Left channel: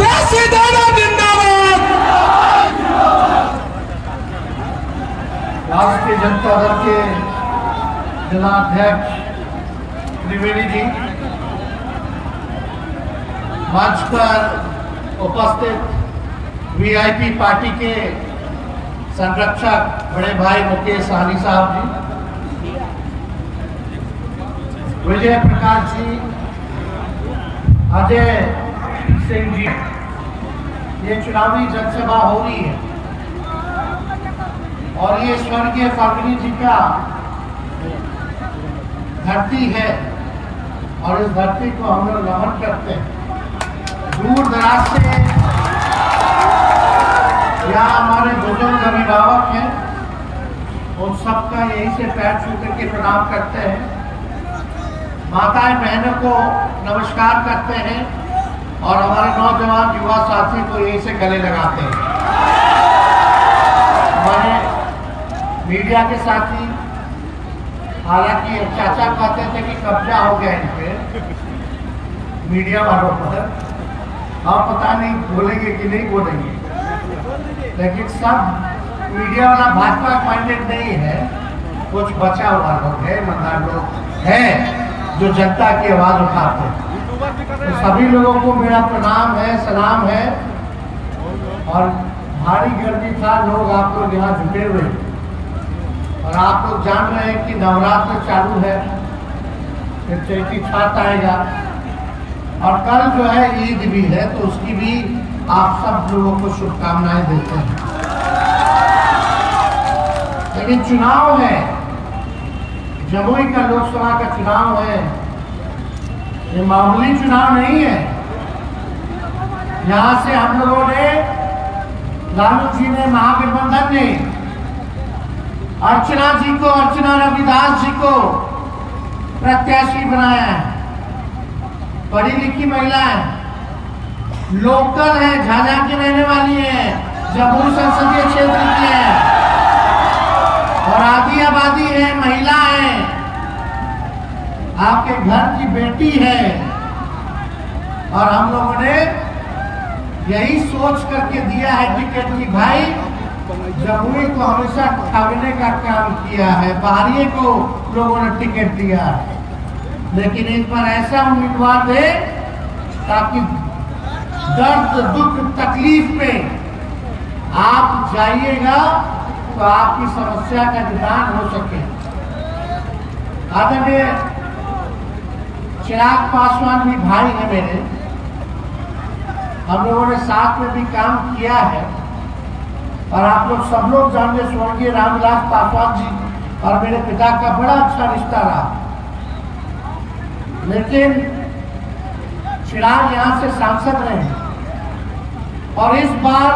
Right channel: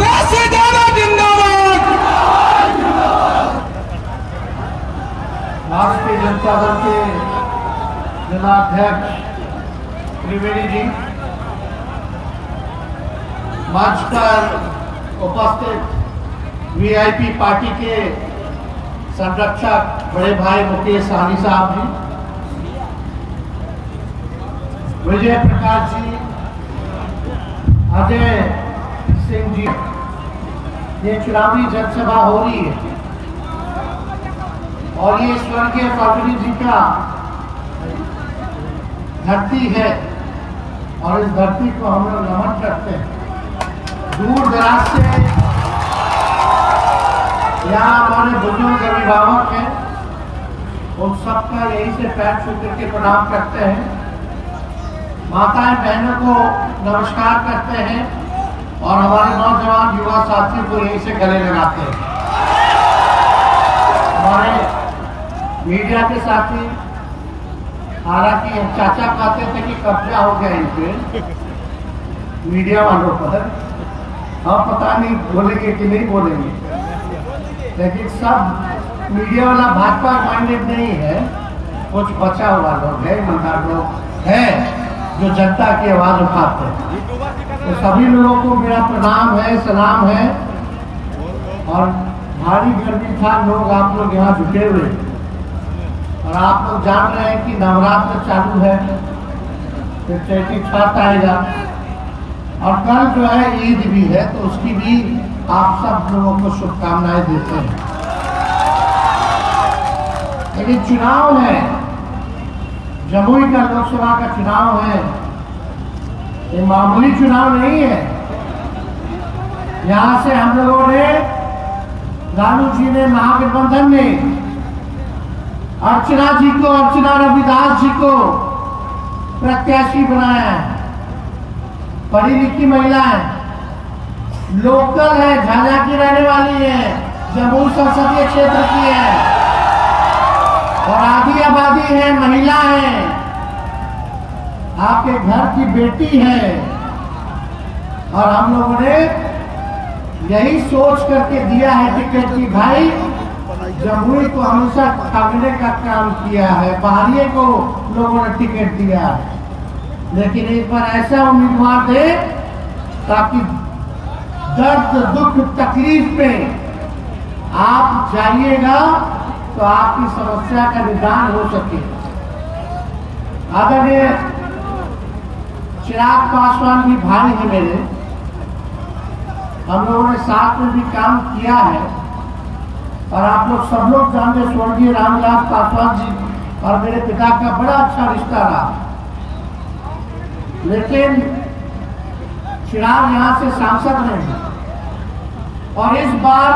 देसी दादा जिंदाबाद। राष्ट्रीय जनता दल के जिलाध्यक्ष त्रिवेदी जी, मंच पर उपस्थित वीआईपी पार्टी के संरक्षक बड़े भाई मुकेश सहनी साहब जी, विजय प्रकाश जी, अजय सिंह जी, ये चुनावी जनसभा हो रही है और ये स्वर्गीय फाल्गुनी जी का धरती है और इस धरती को हम लोग नमन करते हैं। दूर दराज से यहाँ हमारे बुजुर्ग अभिभावक हैं, उन सबका यहीं से पैर छू करके प्रणाम करते हैं, माताएं बहनों को नमस्कार करते हैं और हमारे नौजवान युवा साथी को यहीं से गले लगाते हैं। हमारे मीडिया के साथी, हालांकि चाचा कहते थे कि कब्जा हो गया इन पे मीडिया वालों पर, हम पता नहीं बोलेंगे कि नहीं बोलेंगे, लेकिन सब मीडिया वाला भाजपा माइंडेड नहीं है, कुछ बचा हुआ लोग है, ईमानदार लोग हैं जो जनता की आवाज उठाते हैं। तो सभी लोगों को मेरा प्रणाम है, सलाम है। और भारी गर्मी था, लोग आप लोग यहाँ जुटे हुए और आप लोग जान रहे हैं कि नवरात्र चालू है, फिर चैती छठ आएगा और कल जो है ईद भी है, तो उसकी भी आप सब लोगों को शुभकामनाएं देते हैं। लेकिन चुनाव है, जमुई का लोकसभा का चुनाव है, ये मामूली चुनाव नहीं है। यहाँ से हम लोगों ने, लालू जी ने, महागठबंधन ने अर्चना जी को, अर्चना रविदास जी को प्रत्याशी बनाया है। पढ़ी लिखी महिला है, लोकल है, झाझा की रहने वाली है, जमुई संसदीय क्षेत्र की है और आधी आबादी है, महिला है, आपके घर की बेटी है। और हम लोगों ने यही सोच करके दिया है टिकट की भाई जमुई को हमेशा ठगने का काम किया है, बाहरी को लोगों ने टिकट दिया है, लेकिन इस बार ऐसा उम्मीदवार दे ताकि दर्द दुख तकलीफ पे आप जाइएगा तो आपकी समस्या का निदान हो सके। आदरणीय चिराग पासवान भी भाई है मेरे, हम लोगों ने साथ में भी काम किया है और आप लोग सब लोग जानते, स्वर्गीय रामविलास पासवान जी और मेरे पिता का बड़ा अच्छा रिश्ता रहा। लेकिन चिराग यहाँ से सांसद रहे और इस बार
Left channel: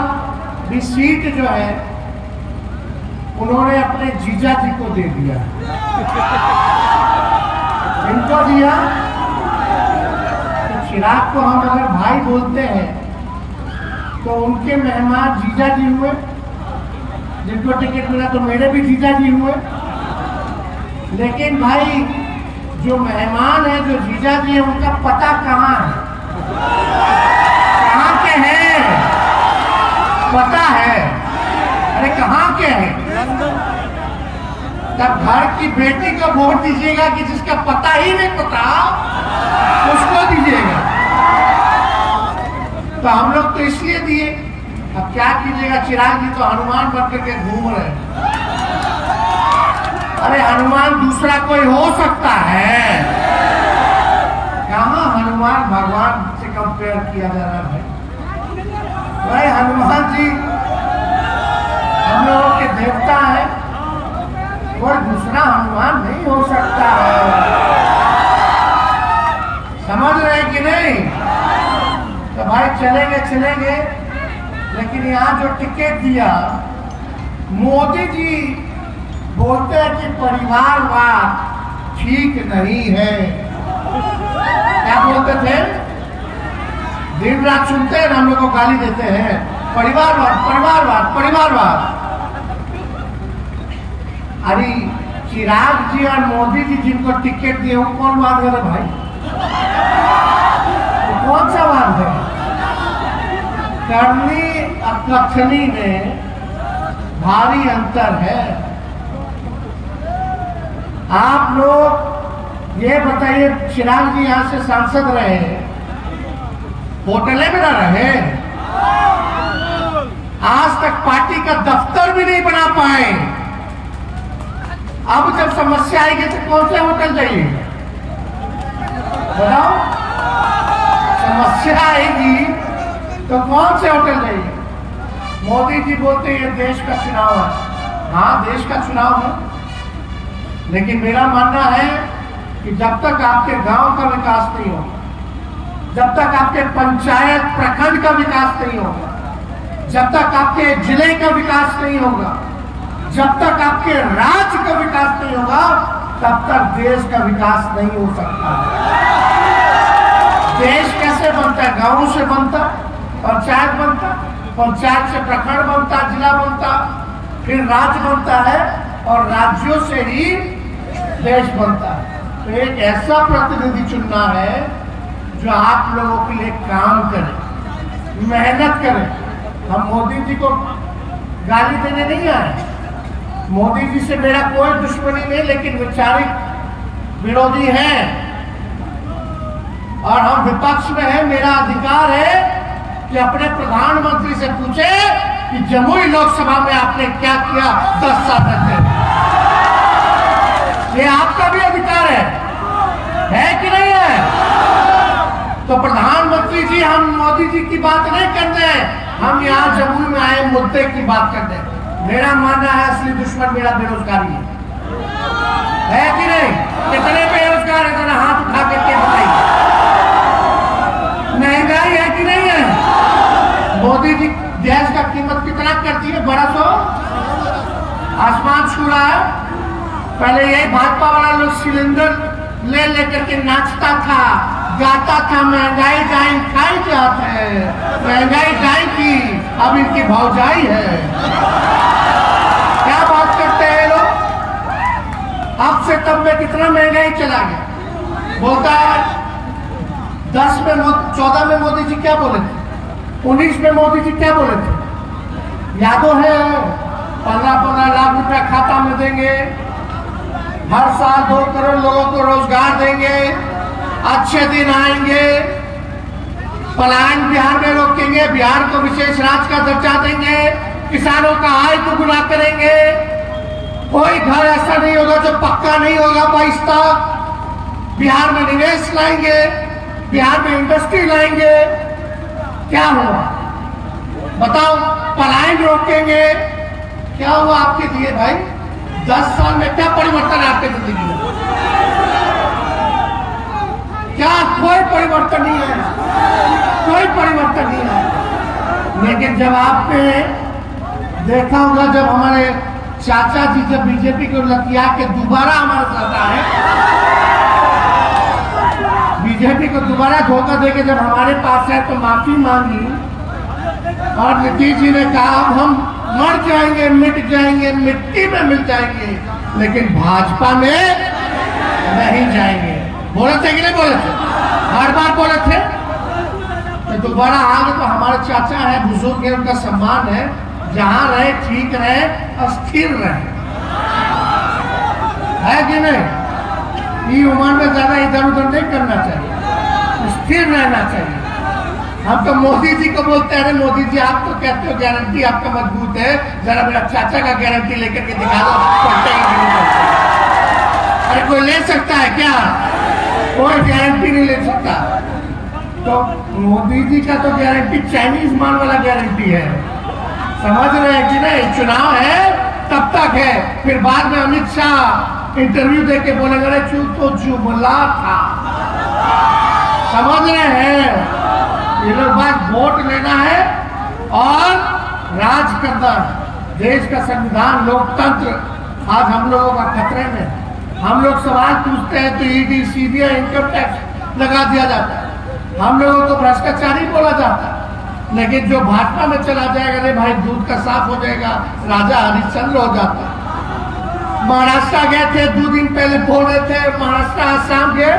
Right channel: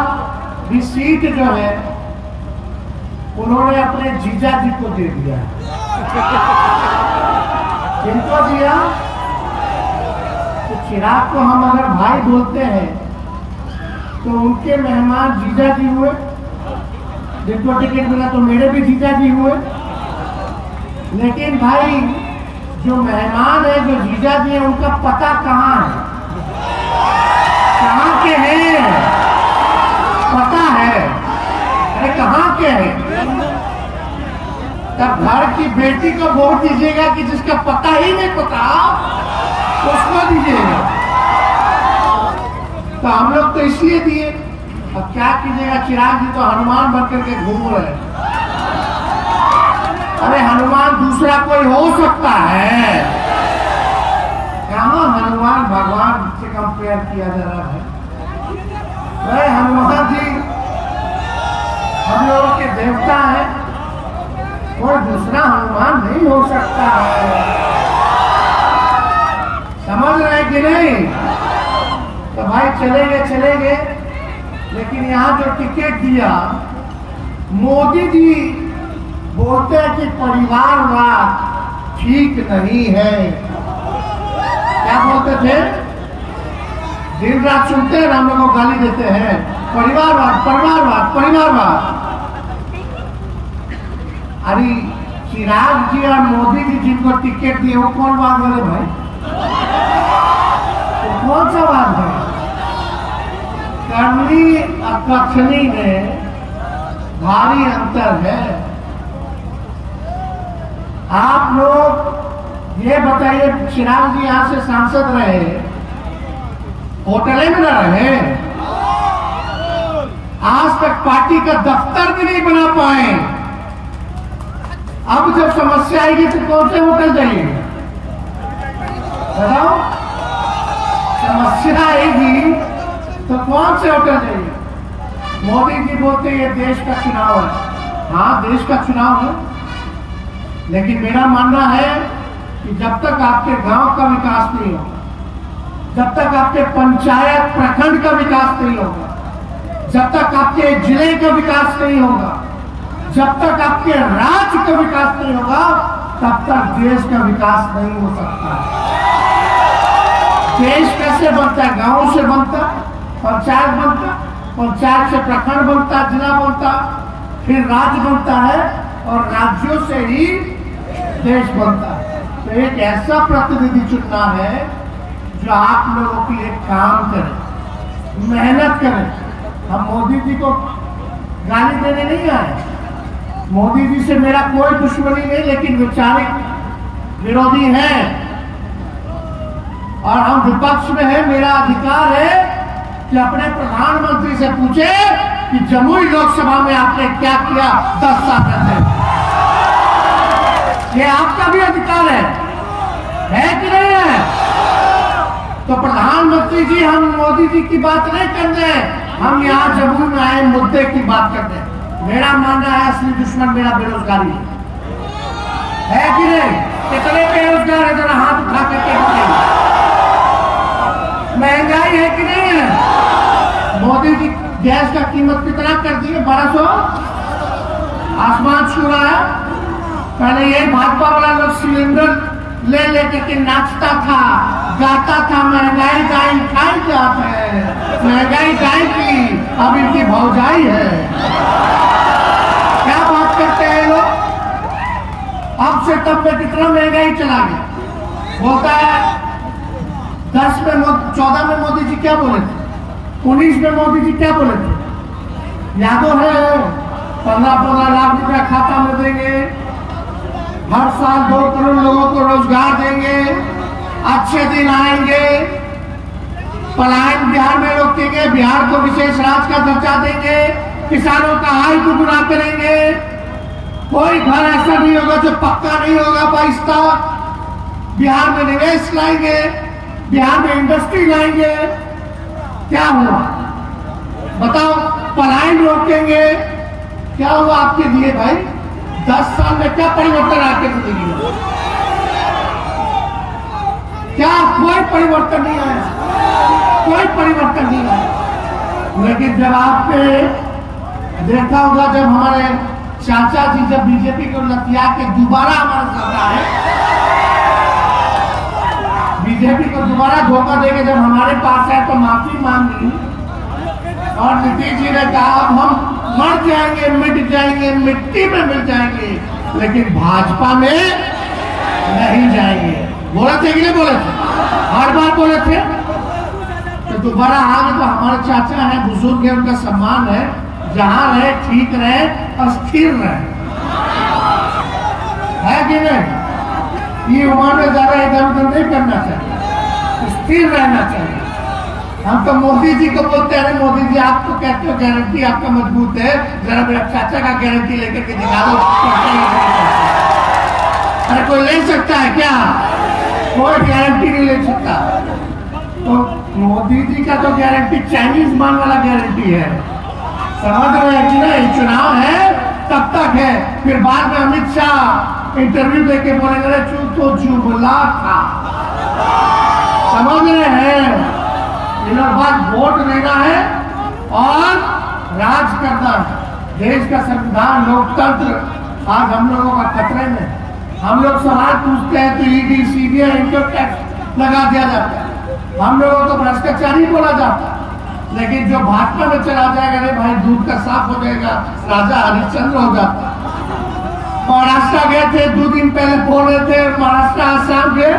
भी सीट जो है उन्होंने अपने जीजा जी को दे दिया। जिनको दिया, तो चिराग को हम अगर भाई बोलते हैं तो उनके मेहमान जीजा जी हुए, जिनको टिकट मिला तो मेरे भी जीजा जी हुए। लेकिन भाई जो मेहमान है, जो जीजा जी है, उनका पता कहाँ है, कहाँ के हैं, पता है, अरे कहाँ के हैं। तब घर की बेटी को वोट दीजिएगा कि जिसका पता ही नहीं पता, उसको दीजिएगा। तो हम लोग तो इसलिए दिए। अब क्या कीजिएगा, चिराग जी तो हनुमान बन करके घूम रहे हैं। अरे हनुमान दूसरा कोई हो सकता है, कहाँ हनुमान भगवान से कंपेयर किया जा रहा है। वह हनुमान जी हम लोगों के देवता है, कोई दूसरा हनुमान नहीं हो सकता है। समझ रहे कि नहीं? तो भाई चलेंगे, लेकिन यहाँ जो टिकट दिया, मोदी जी बोलते हैं कि परिवारवाद ठीक नहीं है। क्या बोलते थे? दिन रात सुनते हैं, हम लोग को गाली देते हैं, परिवारवाद। अरे चिराग जी और मोदी जी जिनको टिकट दिए वो कौन बात है भाई? तो कौन सा बात है? कखनी में भारी अंतर है। आप लोग ये बताइए, चिराग जी यहां से सांसद रहे, होटलें में ना रहे, आज तक पार्टी का दफ्तर भी नहीं बना पाए। अब जब समस्या आएगी तो कौन से होटल जाइएगा बताओ? समस्या आएगी तो कौन से होटल जाइएगा? मोदी जी बोलते हैं ये देश का चुनाव है। हाँ, देश का चुनाव है, लेकिन मेरा मानना है कि जब तक आपके गांव का विकास नहीं होगा, जब तक आपके पंचायत प्रखंड का विकास नहीं होगा, जब तक आपके जिले का विकास नहीं होगा, जब तक आपके राज्य का विकास नहीं होगा, तब तक देश का विकास नहीं हो सकता। देश कैसे बनता है? गांव से बनता, पंचायत बनता, पंचायत से प्रखंड बनता, जिला बनता, फिर राज्य बनता है, और राज्यों से ही देश बनता है। तो एक ऐसा प्रतिनिधि चुनना है जो आप लोगों के लिए काम करे, मेहनत करे। हम मोदी जी को गाली देने नहीं आए, मोदी जी से मेरा कोई दुश्मनी नहीं, लेकिन वैचारिक विरोधी है और हम विपक्ष में है। मेरा अधिकार है कि अपने प्रधानमंत्री से पूछे कि जमुई लोकसभा में आपने क्या किया 10 साल रहते। ये आपका भी अधिकार है कि नहीं है? तो प्रधानमंत्री जी, हम मोदी जी की बात नहीं करते, हम यहाँ जमुई में आए मुद्दे की बात करते हैं। मेरा मानना है असली दुश्मन मेरा बेरोजगारी है कि नहीं? कितने बेरोजगार है, जरा हाथ उठा करके बताइए। महंगाई है कि नहीं है? मोदी जी गैस का कीमत कितना कर दी है? 1200, आसमान छू रहा है। पहले यही भाजपा वाला लोग सिलेंडर ले लेकर के नाचता था, गाता था, महंगाई गाय खाई जाते हैं, महंगाई गाय की, अब इनकी भौजाई है। क्या बात करते हैं लोग? अब से तब में कितना महंगाई चला गया। बोलता है 10 में 14 में मोदी जी क्या बोले थे, 19 में मोदी जी क्या बोले थे, यादों है? 15-15 लाख रुपया खाता में देंगे, हर साल 2 करोड़ लोगों को रोजगार देंगे, अच्छे दिन आएंगे, पलायन बिहार में रोकेंगे, बिहार को विशेष राज्य का दर्जा देंगे, किसानों का आय दुगुना करेंगे, कोई घर ऐसा नहीं होगा जो पक्का नहीं होगा 22 तक, बिहार में निवेश लाएंगे, बिहार में इंडस्ट्री लाएंगे। क्या हुआ बताओ? पलायन रोकेंगे। क्या हुआ आपके लिए भाई? 10 साल में क्या परिवर्तन आपके जिंदगी में? क्या? कोई परिवर्तन नहीं है, कोई परिवर्तन नहीं है। लेकिन जब आपने देखा होगा, जब हमारे चाचा जी जब बीजेपी को लतिया के दोबारा हमारे साथ आए, बीजेपी को दोबारा धोखा देके जब हमारे पास आए तो माफी मांगी, और नीतीश जी ने कहा अब हम मर जाएंगे, मिट जाएंगे, मिट्टी में मिल जाएंगे, लेकिन भाजपा में नहीं जाएंगे। बोले थे कि नहीं बोले थे? बार बार बोले थे। तो दोबारा आगे तो हमारे चाचा है, बुजुर्ग है, उनका सम्मान है, जहां रहे ठीक रहे और स्थिर रहे, है कि नहीं? ये उम्र में ज्यादा इधर उधर नहीं करना चाहिए, स्थिर रहना चाहिए। हम तो मोदी जी को बोलते हैं, मोदी जी आप तो कहते हो गारंटी आपका मजबूत है, जरा मेरा चाचा का गारंटी लेकर के दिखा दो। अरे कोई ले सकता है क्या? कोई गारंटी नहीं ले सकता। तो मोदी जी का तो गारंटी चाइनीज मान वाला गारंटी है, समझ रहे हैं कि नहीं? चुनाव है तब तक है, फिर बाद में अमित शाह इंटरव्यू देके बोलेंगे तो जुमला था। समझ रहे हैं? ये लोग बात वोट लेना है और राज करना है। देश का संविधान, लोकतंत्र आज हम लोगों का खतरे में। हम लोग सवाल पूछते हैं तो ईडी, सीबीआई, इनकम टैक्स लगा दिया जाता है, हम लोगों को भ्रष्टाचारी बोला जाता है। लेकिन जो भाजपा में चला जाएगा, नहीं भाई दूध का साफ हो जाएगा, राजा हरिश्चंद्र हो जाता। महाराष्ट्र गए थे 2 दिन पहले, बोल रहे थे महाराष्ट्र आसाम गए,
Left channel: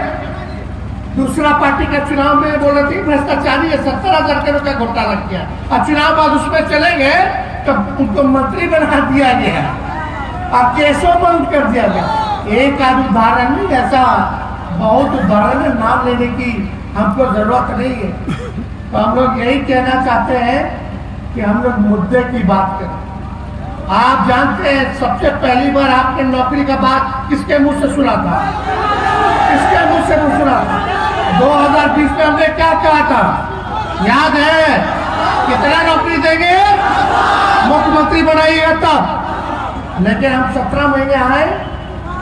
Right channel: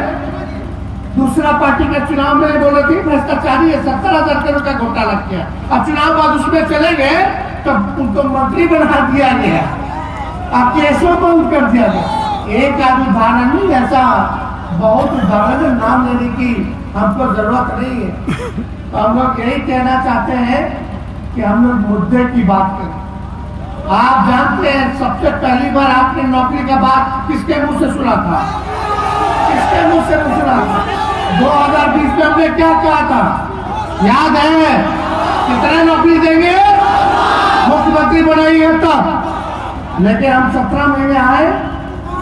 दूसरा पार्टी का चुनाव में बोला थी भ्रष्टाचारी है, 70,000 करोड़ का घोटाला किया। अब चुनाव बाद उसमें चले गए तो उनको मंत्री बना दिया गया और केसों बंद कर दिया गया। एक आध उदाहरण नहीं, ऐसा बहुत उदाहरण है, नाम लेने की हमको जरूरत नहीं है। तो हम लोग यही कहना चाहते हैं कि हम लोग मुद्दे की बात करें। आप जानते हैं सबसे पहली बार आपने नौकरी का बात किसके मुंह से सुना था? किसके मुंह से सुना था? 2020 में हमने क्या कहा था, याद है? कितना नौकरी देंगे? मुख्यमंत्री बनाइएगा तब। लेकिन हम 17 महीने आए,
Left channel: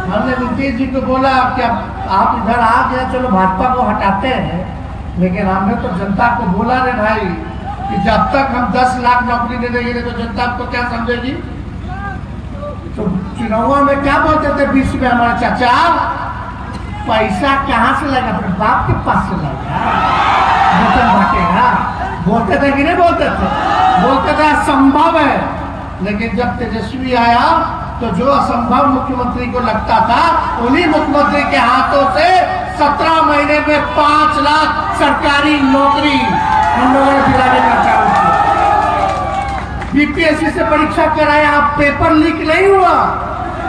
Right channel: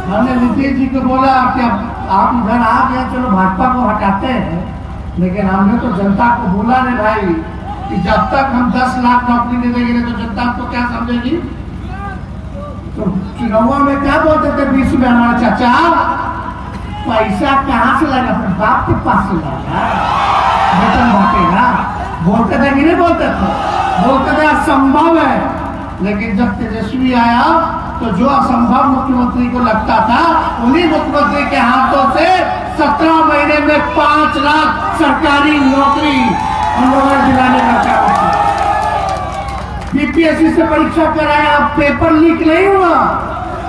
हमने नीतीश जी को बोला कि अब आप इधर आ गए, चलो भाजपा को हटाते हैं। लेकिन हमने तो जनता को बोला रे भाई कि जब तक हम 10 लाख नौकरी नहीं देंगे तो जनता आपको क्या समझेगी? तो चुनावों में क्या बोलते थे 20 में हमारे चाचा, पैसा कहाँ से लाएगा? अपने बाप के पास से लाएगा, वचन बांटेगा। बोलते थे कि नहीं बोलते थे? बोलते थे असंभव है। लेकिन जब तेजस्वी आया तो जो असंभव मुख्यमंत्री को लगता था, उन्हीं मुख्यमंत्री के हाथों से 17 महीने में 5 लाख सरकारी नौकरी हम लोगों ने दिलाने का काम किया। बीपीएससी से परीक्षा कराया, अब पेपर लीक नहीं हुआ,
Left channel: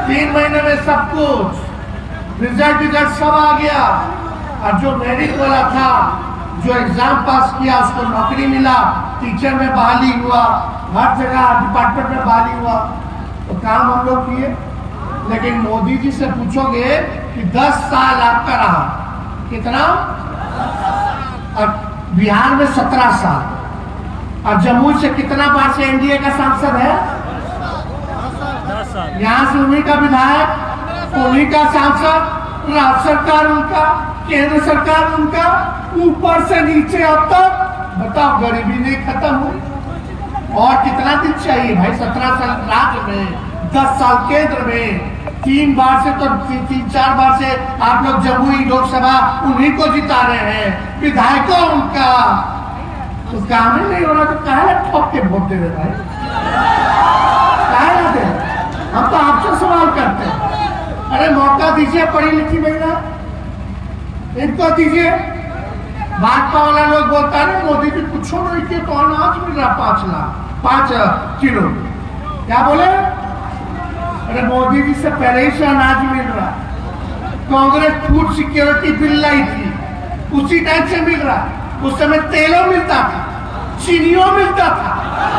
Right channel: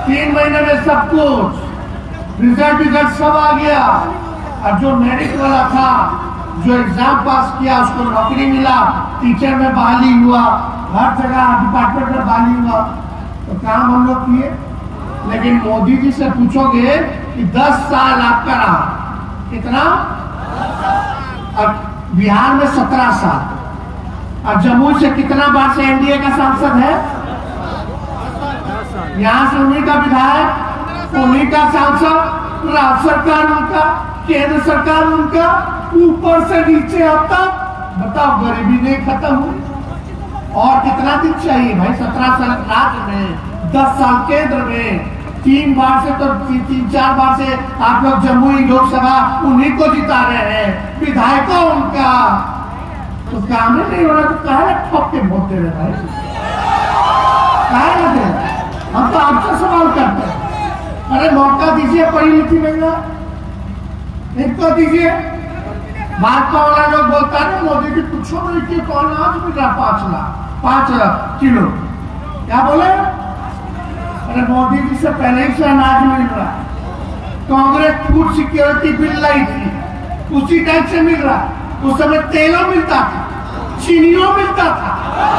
3 महीने में सब कुछ रिजल्ट सब आ गया। और जो मेरिट वाला था, जो एग्जाम पास किया, उसको नौकरी मिला, टीचर में बहाली हुआ, हर जगह डिपार्टमेंट में बहाली हुआ। तो काम हम लोग किए। लेकिन मोदी जी से पूछोगे कि 10 साल आपका रहा, कितना? और बिहार में 17 साल, और जम्मू से कितना बार से एनडीए का सांसद है? यहाँ से उन्हीं का विधायक, उन्हीं का सांसद, राज्य सरकार उनका, केंद्र सरकार उनका, ऊपर से नीचे अब तक। बताओ, गरीबी नहीं खत्म हुई? और कितना दिन चाहिए भाई? 17 साल राज्य में, 10 साल केंद्र में, 3 बार से तो 3-4 बार से आप लोग जमुई लोकसभा उन्हीं को जिता रहे हैं, विधायकों उनका। तो काम ही नहीं हो रहा तो काहे ठोक के वोट दे रहे भाई? काहे ना दे? हम तो आपसे सवाल करते हैं। अरे मौका दीजिए पढ़ी लिखी महिला, इनको दीजिए। भाजपा वाला लोग बोलता है मोदी जी कुछ नहीं किए तो अनाज मिल रहा 5 किलो। क्या बोले? अरे मोदी जी से पहले ही से अनाज मिल रहा। कांग्रेस फूड सिक्योरिटी बिल लाई थी, उसी टाइम से मिल रहा। उस समय तेलों मिलता था, चीनियों मिलता था,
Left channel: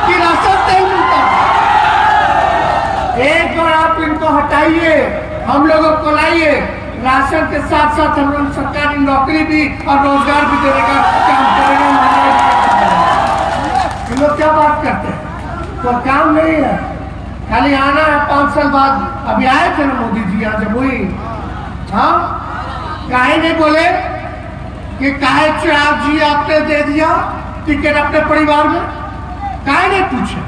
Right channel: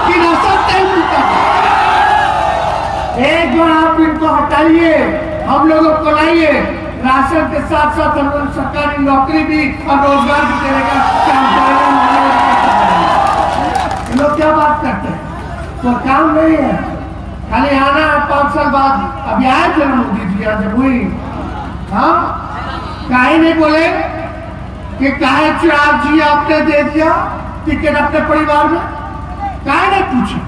किरासन तेल मिलता था। एक बार आप इनको हटाइए, हम लोगों को लाइए, राशन के साथ साथ हम लोग सरकारी नौकरी भी और रोजगार भी देने का काम करेंगे। लोग क्या बात करते हैं? तो काम नहीं है, खाली आना है 5 साल बाद। अभी आए थे ना मोदी जी यहाँ जब हुई, हाँ काहे नहीं बोले कि काहे चिराग जी आपने दे दिया टिकट अपने परिवार में? काहे नहीं पूछे?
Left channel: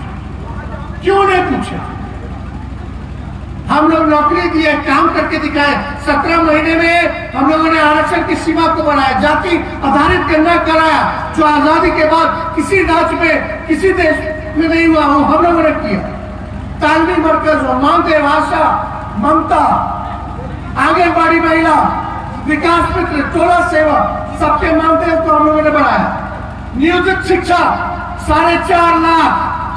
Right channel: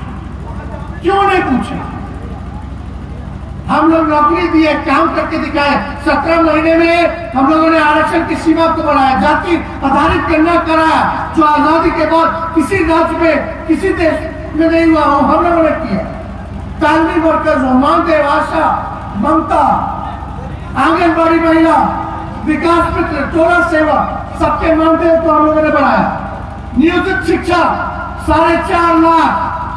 क्यों नहीं पूछे? हम लोग नौकरी दिए, काम करके दिखाए। 17 महीने में हम लोगों ने आरक्षण की सीमा को बढ़ाया, जाति आधारित निर्णय कराया, जो आजादी के बाद किसी राज्य में, किसी देश में नहीं हुआ, वो हम लोगों ने किया। तालमी मरकज, मानदेय आशा, ममता, आंगनबाड़ी महिला, विकास मित्र, टोला सेवा, सबके मानदेय को हम लोगों ने बढ़ाया। नियोजित शिक्षा 4.5 लाख,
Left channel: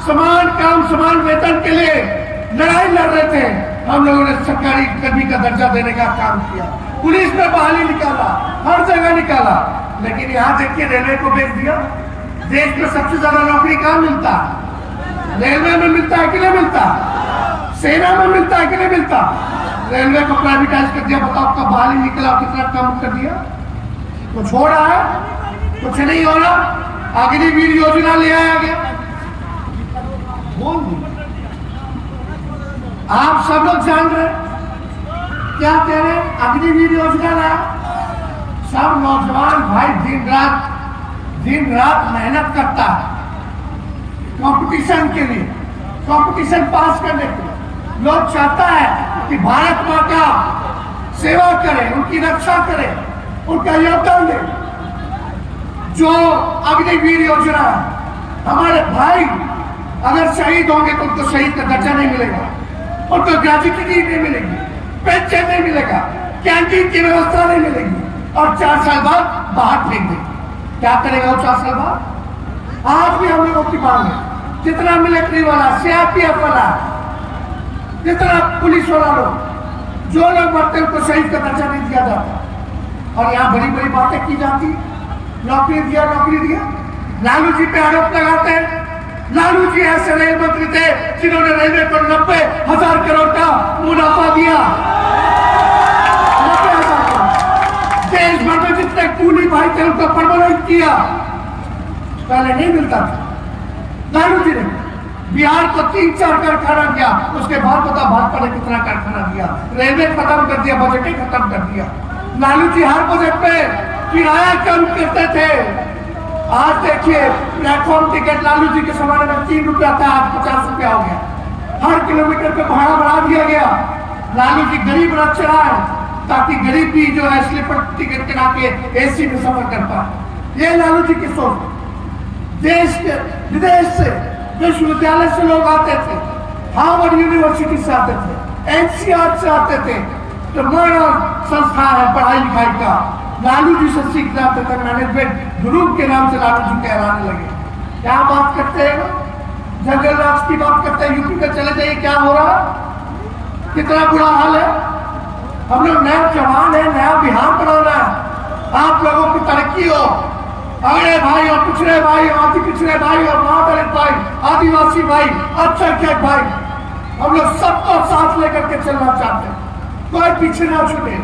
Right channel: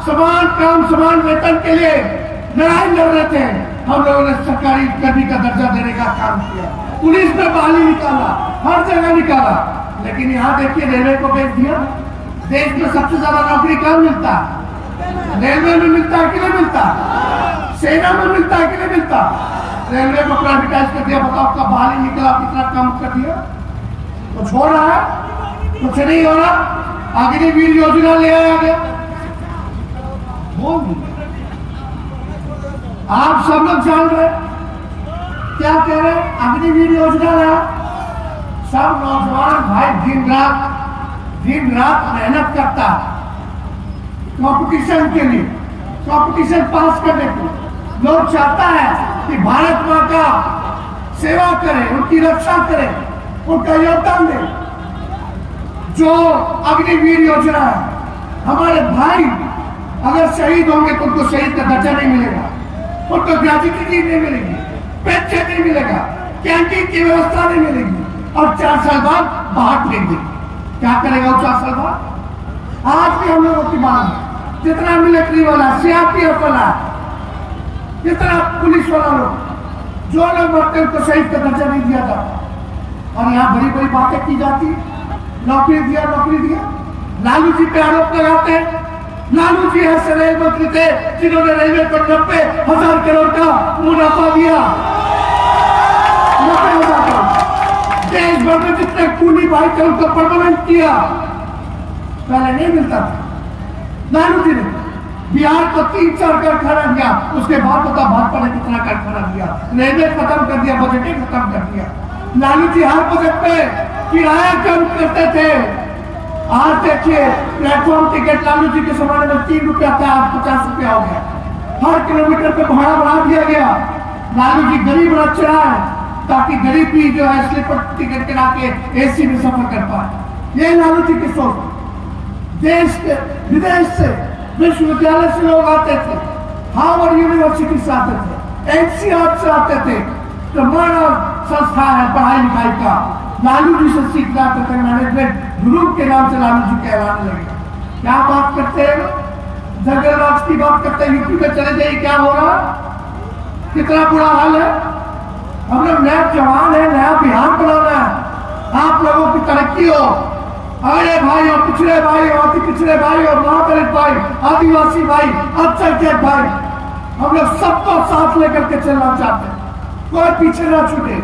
समान काम समान वेतन के लिए लड़ाई लड़ रहे थे। हम लोगों ने सरकारी कर्मी का दर्जा देने का काम किया, पुलिस में बहाली निकाला, हर जगह निकाला। लेकिन यहाँ देखिए रेलवे को बेच दिया। देश में सबसे ज्यादा नौकरी कहाँ मिलता? रेलवे में मिलता है कि नहीं मिलता? सेना में मिलता है कि नहीं मिलता? रेलवे को प्राइवेटाइज कर दिया। बताओ आपका बहाली निकला, कितना काम कर दिया? तो छोड़ रहा है, कुछ नहीं हो रहा। अग्निवीर योजना ले आया गया, बोल दी। आप सब लोग जान रहे क्या कह रहे? अग्निवीर योजना लाया। सब नौजवान भाई दिन रात मेहनत करता है कंपटीशन के लिए, कंपटीशन पास करने के लिए। लोग चाहता है कि भारत माँ का सेवा करें, उनकी रक्षा करें, उनका योगदान दें। जो अग्निवीर योजना है, हमारे भाई अगर शहीद होंगे तो उनको शहीद का दर्जा नहीं मिलेगा, उनको ग्रेजुएटी नहीं मिलेगी, पेंशन नहीं मिलेगा, कैंटीन की व्यवस्था नहीं मिलेगी, और 4 साल बाद बाहर फेंक दी। क्या करेगा वो 4 साल बाद? आज भी हम लोगों की मांग है, जितना मिलिट्री वाला, सीआरपीएफ वाला, जितना पुलिस वाला लोग, जो लोग मरते हैं उनको शहीद का दर्जा नहीं दिया जाता। और यहाँ बड़ी बड़ी बातें की जाती है, नौकरी दिया, नौकरी दिया। लालू जी पे आरोप लगाते हैं। लालू जी ऐसे रेल मंत्री थे जिन्होंने रेलवे पर 90,000 करोड़ का मुनाफा दिया। देश भर में जितने कूली भाई थे उनको परमानेंट किया, पहले नहीं मिलता था। लालू जी ने बिहार को 3-4 कारखाना दिया, उसके बाद बता भाजपा ने कितना कारखाना दिया, रेलवे खत्म कर दिया, बजट खत्म कर दिया। लालू जी हर बजट में किराया कम करते थे। आज देखिए प्लेटफॉर्म टिकट लालू जी के जमाने में 3 रुपया था, आज 50 रुपया हो गया। हर किलोमीटर पे भाड़ा बढ़ा दिया गया। लालू जी गरीब रथ चढ़ाए ताकि गरीब भी जो है स्लीपर टिकट करा के एसी में सफर कर पाए। ये लालू जी की सोच। देश के विदेश से, विश्वविद्यालय से लोग आते थे, हार्वर्ड यूनिवर्सिटी से आते थे, एनसीआर से आते थे। तो मॉडर्न संस्था है पढ़ाई लिखाई का, लालू जी से सीखना आते थे। मैनेजमेंट ग्रुप के नाम से लालू जी कहलाने लगे। क्या बात करते हैं, जगन्नाथ की बात करते हैं। यूपी में चले जाइए, क्या हो रहा है, कितना बुरा हाल है। हम लोग नए जवान है, नया बिहार बनाना है। आप लोगों की तरक्की हो, अगड़े भाई और पिछड़े भाई और अति पिछड़े भाई और महादलित भाई, आदिवासी भाई, अल्पसंख्यक भाई, हम लोग सबको साथ लेकर के चलना चाहते हैं। कोई पीछे ना छूटे,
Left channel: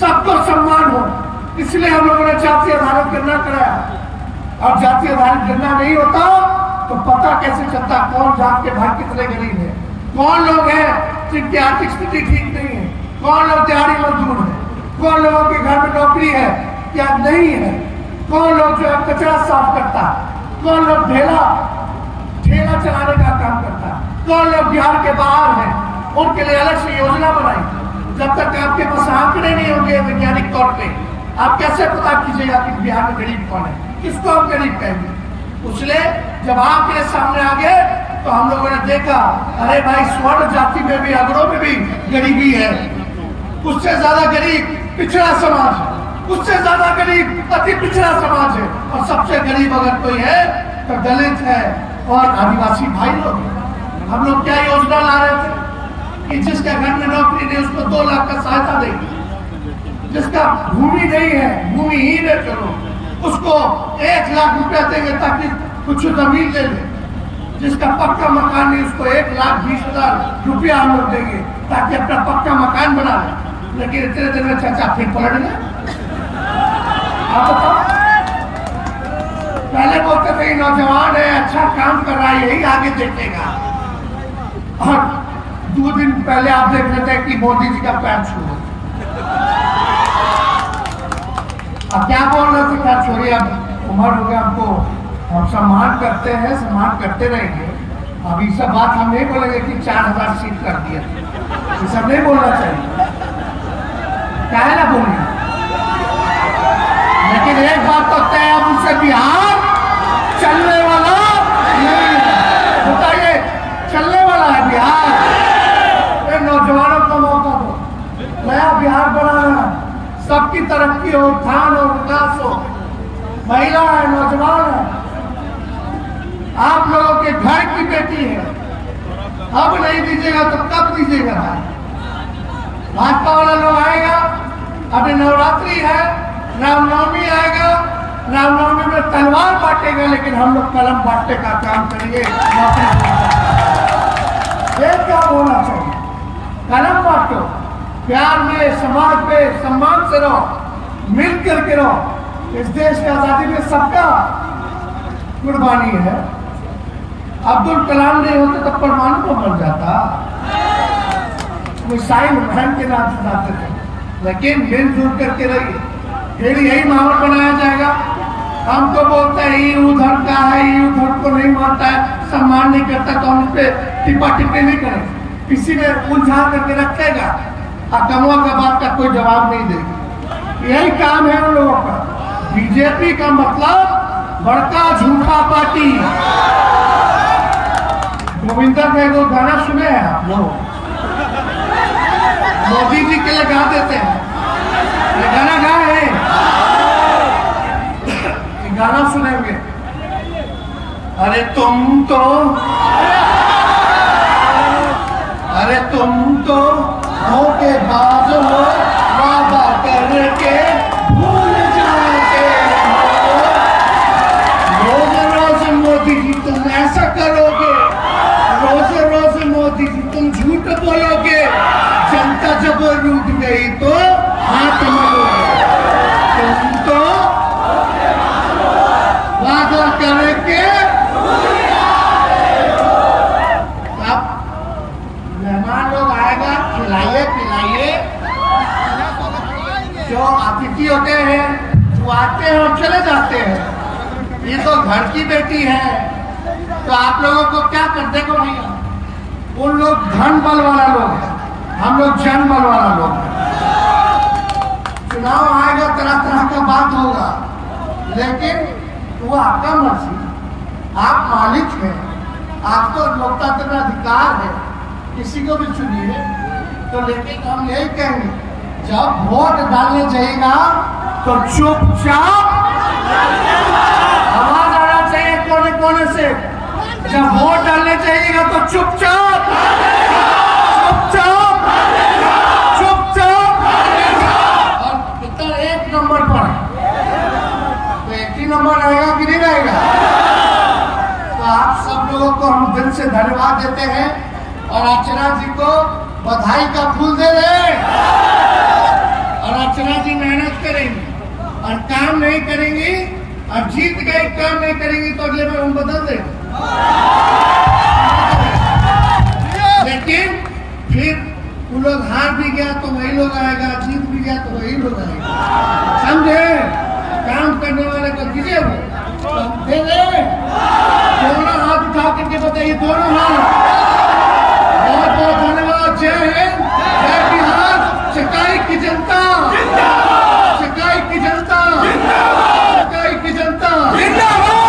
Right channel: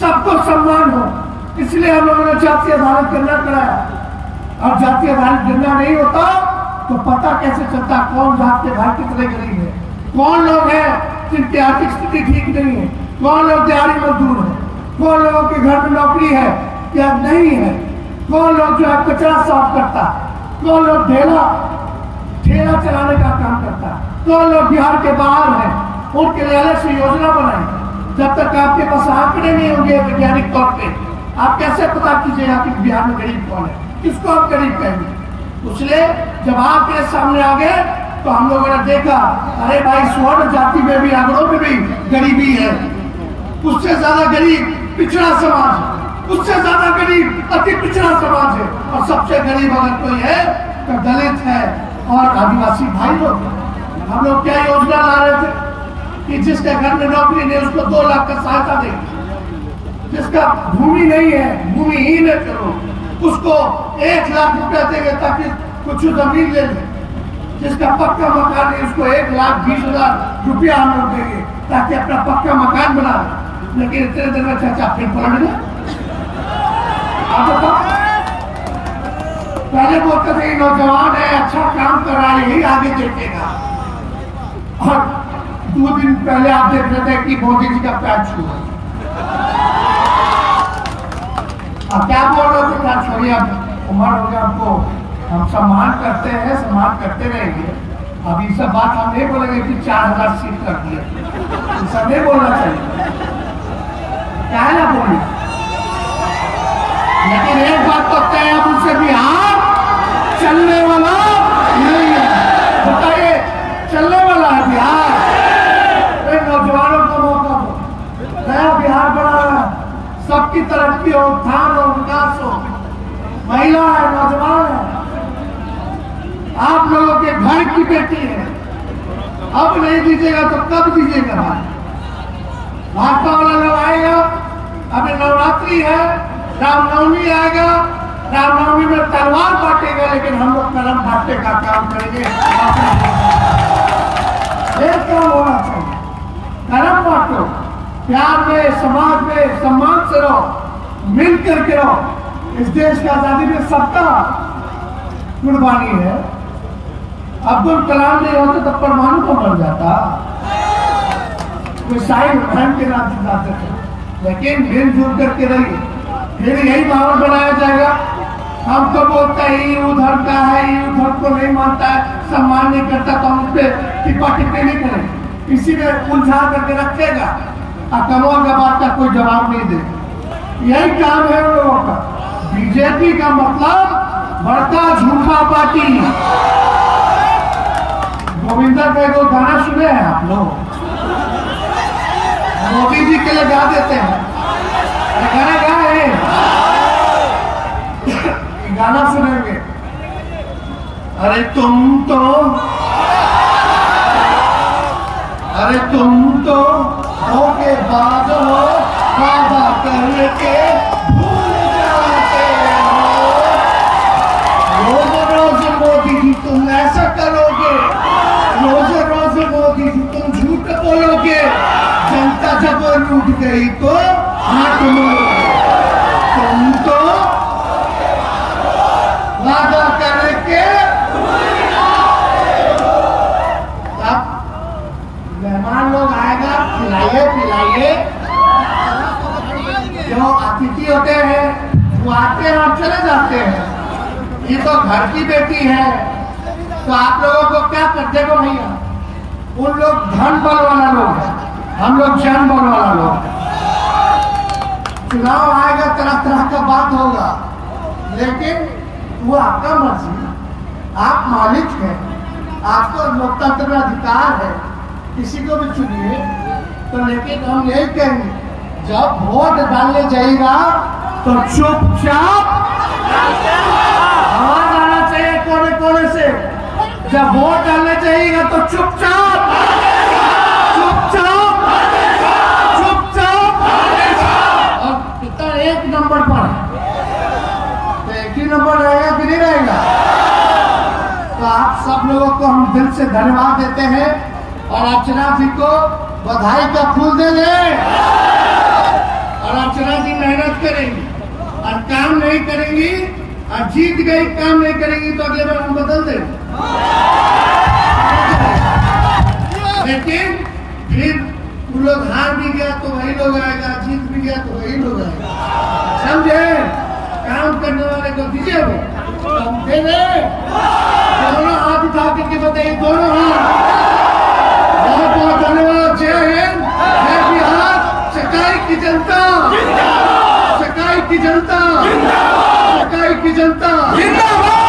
सबको सम्मान हो। इसलिए हम लोगों ने जातीय आधारित गणना कराया। और जातीय आधारित गणना नहीं होता तो पता कैसे चलता कौन जात के भाई कितने गरीब है, कौन लोग हैं जिनकी आर्थिक स्थिति ठीक नहीं है, कौन लोग दिहाड़ी मजदूर है, कौन लोगों के घर में नौकरी है या नहीं है, कौन लोग जो है कचरा साफ करता है, कौन लोग ठेला चलाने का काम करता है, कौन लोग बिहार के बाहर हैं, उनके लिए अलग से योजना बनाई। जब तक आपके पास आंकड़े नहीं होंगे वैज्ञानिक तौर पे, आप कैसे पता कीजिएगा कि बिहार में गरीब कौन है, किसको आप गरीब कहेंगे। इसलिए जब आंकड़े सामने आ गए तो हम लोगों ने देखा, अरे भाई स्वर्ण जाति में भी, अगड़ों में भी गरीबी है। उससे ज्यादा गरीब पिछड़ा समाज है, उससे ज्यादा गरीब अति पिछड़ा समाज है, और सबसे गरीब अगर कोई है तो दलित है और आदिवासी भाई लोग। हम लोग क्या योजना ला रहे थे कि जिसके घर में नौकरी नहीं उसको 2 लाख का सहायता देंगे, जिसका भूमि नहीं है, भूमिहीन है, चलो उसको 1 लाख रुपया देंगे ताकि कुछ जमीन ले ले, जिसका पक्का मकान नहीं उसको 1,20,000 रुपया हम लोग देंगे ताकि अपना पक्का मकान बना ले। लेकिन इतने दिन में चाचा फिर पलट गया। आप बताओ, पहले बोलते थे नौजवान है, अच्छा काम कर रहा है, यही आगे देखेगा। और 2 दिन पहले आप देख रहे थे कि मोदी जी का पैर छू, अब क्या बोल रहे थे, क्या छोड़िए, अब उम्र हो गया हमको, हम सम्मान करते हैं, सम्मान करते रहेंगे। अभी सब बात हम नहीं बोलेंगे कि 4,000 सीट कर दिए, ये सब नहीं बोलना चाहिए, क्या है ना बोलिए। लेकिन एक बात तो तय है, उनसे बिहार चलने वाला नहीं है। बताइए, चलने वाला है बिहार? नौजवानों को मौका दो, नया बिहार बनाना, सबकी तरक्की हो, उत्थान हो, विकास हो, महिला है, नौजवान है, आप लोगों के घर की बेटी है। अब नहीं दीजिएगा तो कब दीजिएगा भाई? भाजपा वाला लोग आएगा, अभी नवरात्रि है, रामनवमी आएगा, रामनवमी में तलवार बांटेगा, लेकिन हम लोग कलम बांटने का काम करेंगे। एक काम होना चाहिए, कलम बांटो, प्यार में, समाज में सम्मान से रहो, मिल करके रहो। इस देश की आजादी में सबका कुर्बानी है। अब्दुल कलाम नहीं होते तो परमाणु को बन जाता, साइन बहन के नाम से जाते थे। लेकिन मिलजुल करके रहिए, फिर यही माहौल बनाया जाएगा। हम तो बोलते हैं ये उधर का है, ये उधर को नहीं मानता है, सम्मान नहीं करता, तो हम उस पर टिप्पा टिप्पणी नहीं करेंगे, किसी ने उलझा करके रखेगा और कमा का बात का कोई जवाब नहीं देगा। यही काम है उन लोगों का। बीजेपी का मतलब बड़का झूठा पार्टी। गोविंदा के 2 गाना सुने हैं आप लोग, मोदी जी के लिए गा देते हैं, गाना गा है गाना सुनेंगे। अरे तुम तो धोखेबाज हो, वादा करके भूल जाते हो। रोज मोदी जी तुम ऐसा करोगे, रोज मोदी जी तुम झूठ बोलोगे, जनता जब लूट गई तो हाथ मारोगे। तुम तो वादा करके मेहमान लोग आएगा, खिलाइए। जो अतिथि होते हैं वो आते हैं और चले जाते हैं। ये तो घर की बेटी है, तो आप लोगों को क्या करते हो भैया? उन लोग धन बल वाला लोग है, हम लोग जन बल वाला लोग है। चुनाव आएगा, तरह का बात होगा, लेकिन वो आपका मर्जी, आप मालिक हैं, आपको लोकतंत्र में अधिकार है, किसी को भी चुनिए। तो लेकिन हम यही कहेंगे, जब वोट डालने जाएगा तो चुपचाप आवाज आना चाहिए कोने कोने से। जब वोट डालने जाइएगा तो चुपचाप और कितना एक नंबर पर, तो एक ही नंबर रहेगा कि नहीं रहेगा? तो आप सब लोगों को हम दिल से धन्यवाद देते हैं और अर्चना जी को बधाई का फूल दे रहे। और अर्चना जी मेहनत करेंगी और काम नहीं करेंगी और जीत गई, काम नहीं करेंगी तो अगले बार हम बदल देंगे। लेकिन फिर वो लोग हार भी गया तो वही लोग आएगा, जीत भी गया तो वही लोग आएगा, समझे? काम करने वाले को दीजिए, वो दे दे। दोनों हाथ उठा करके बताइए, दोनों हाथ। बहुत बहुत धन्यवाद। जय हिंद, जय बिहार। चकाई की जनता, चकाई की जनता, चकाई की जनता जिंदाबाद।